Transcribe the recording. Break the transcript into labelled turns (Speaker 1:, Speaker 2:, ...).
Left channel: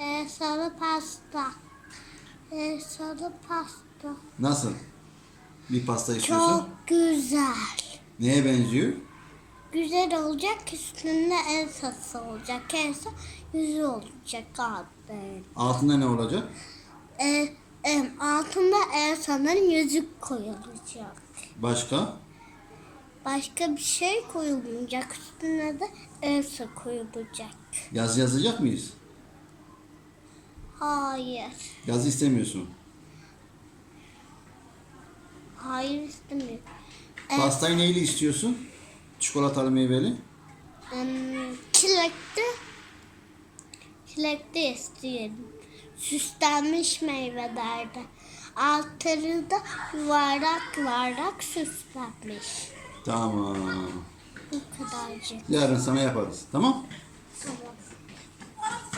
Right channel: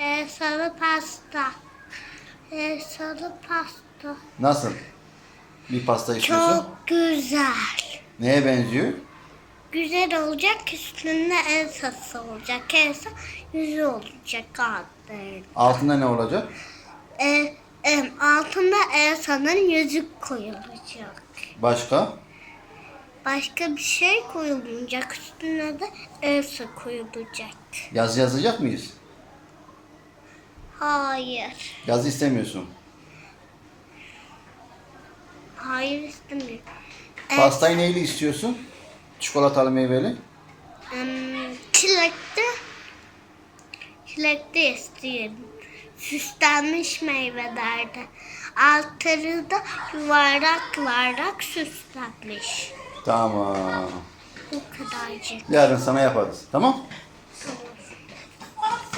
Speaker 1: e, sarı pasta. E, sarı pasta.
Speaker 2: Nasıl? Bir pasta istiyorsun.
Speaker 1: Çok güzel.
Speaker 2: Neye benziyor?
Speaker 1: Güzel olacak üstünde Elsa'sı olacak. Elsa yüzü olacak altında.
Speaker 2: Altında ne olacak?
Speaker 1: E, e, altında Elsa'nın yüzük koyulacak.
Speaker 2: Başka?
Speaker 1: Başka bir şey koyulmayacak. Üstüne de Elsa koyulacak.
Speaker 2: Yazı yazacak mıyız?
Speaker 1: Hayır.
Speaker 2: Yazı istemiyorsun.
Speaker 1: Hayır istemiyorum. E,
Speaker 2: Pastayı neyli istiyorsun? Çikolatalı meyveli.
Speaker 1: em, çilekli. Çilekli istiyorum. Süslenmiş meyvelerde. Altları da yuvarlak yuvarlak süslenmiş.
Speaker 2: Tamam.
Speaker 1: Bu kadarcık.
Speaker 2: Yarın sana yaparız. Tamam?
Speaker 1: Tamam.